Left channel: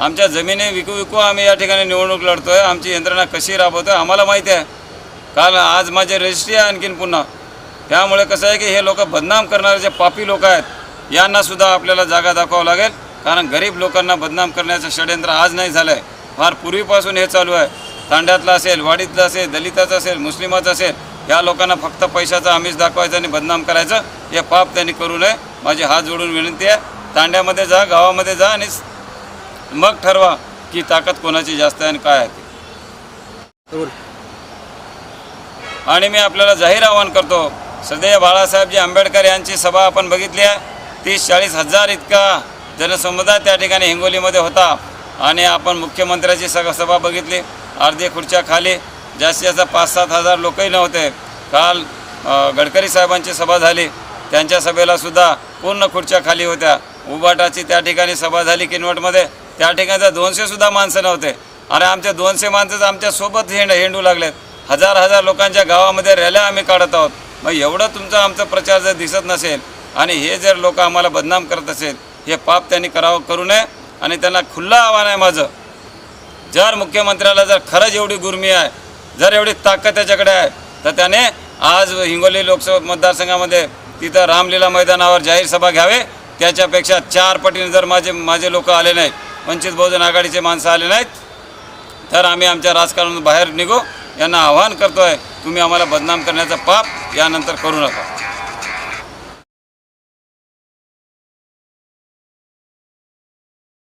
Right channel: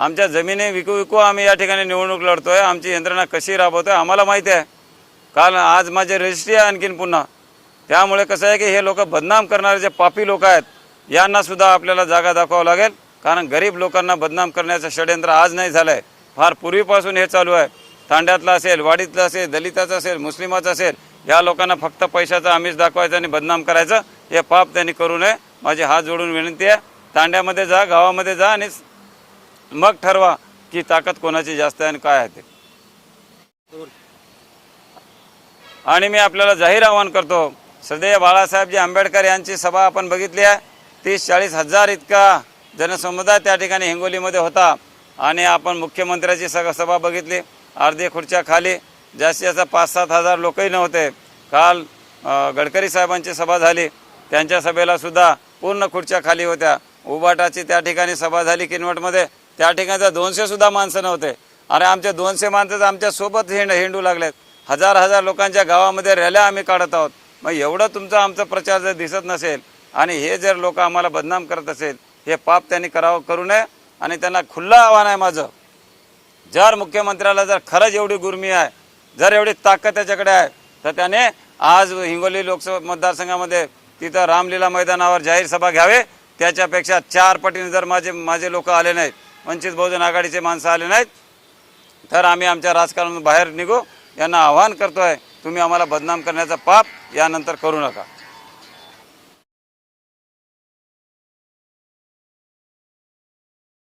आमच्या जमिनी विकू विकू आम्ही या ठिकाणी निवडणूक लढतो आहे आमची यंत्रणा कशी राबवतो आहे आम्हाला माहिती आहे. काल आज माझे रजिस्ट्री आहे आणखीन पुन्हा. त्यामुळे कसं आहे की हे लोक बदनाम करणारे जे पापी लोक आहेत यांनासुद्धा आपल्याला जागा दाखवावं लागेल. कारण गरीब लोकांना बदनाम करण्याचं षडयंत्र आज नाही झालं आहे फार पूर्वीपासून हे चालू आहे. तांड्यातलं असेल वाडीतलं असेल दलिताचं असेल मुस्लिमाचं असेल या लोकांना फक्त पैशाचा आमिष दाखवायचं आणि बदनाम करायचं हे पाप त्यांनी करू नये. माझी हात जोडून विनंती आहे. तांड्यामध्ये जा गावामध्ये जा आणि मग ठरवा की ताकद कोणाची जास्त आहे आणि काय आहे ते. आणि मी आपल्याला जाहीर आवाहन करतो सदैव बाळासाहेबजी आंबेडकर यांची सभा आपण बघितली आहे. तीस चाळीस हजार इतका जनसमुदाय त्या ठिकाणी हिंगोलीमध्ये होता. आणि आपण मुख्यमंत्र्याची सग सभा बघितली. अर्धे खुर्च्या खाली जास्तीत जास्त पाच सात हजार लोकही नव्हते. काल गडकरी साहेबांची सभा झाली. त्यांच्या सभेला सुद्धा पूर्ण खुर्च्या खाली होत्या. उबाटाची त्या ठिकाणी सभा झाली किनवटमध्ये. त्या ठिकाणी दोनशेसुद्धा माणसं नव्हते. अरे आमचे दोनशे माणसं आमच्यासोबत हिंड हिंडू लागलेत. हजार हजार लोकांच्या गावामध्ये रॅल्या आम्ही काढत आहोत. मग एवढं तुमचा आमचा प्रचार जर दिसत नसेल आणि हे जर लोक आम्हाला बदनाम करत असेल हे पाप त्यांनी करावं करू नये आणि त्यांना खुल्लं आव्हान आहे माझं. जर मुख्यमंत्र्याला जर खरंच एवढी गुर्मी आहे जर एवढी ताकद त्याच्याकडे आहे तर त्याने आज हिंगोली लोकसभा मतदारसंघामध्ये तिथं रामलीला मैदानावर जाहीर सभा घ्यावे. त्याच्यापेक्षा चार पटीने जर माझे माझे लोक आले नाहीत वंचित बहुजन आघाडीचे माणसं आले नाहीत तर आम्ही आमच्या राजकारणातून बाहेर निघू. यांना आव्हान करतो आहे तुम्ही आम्हाला बदनाम करण्याचा पाप यानंतर करू नका.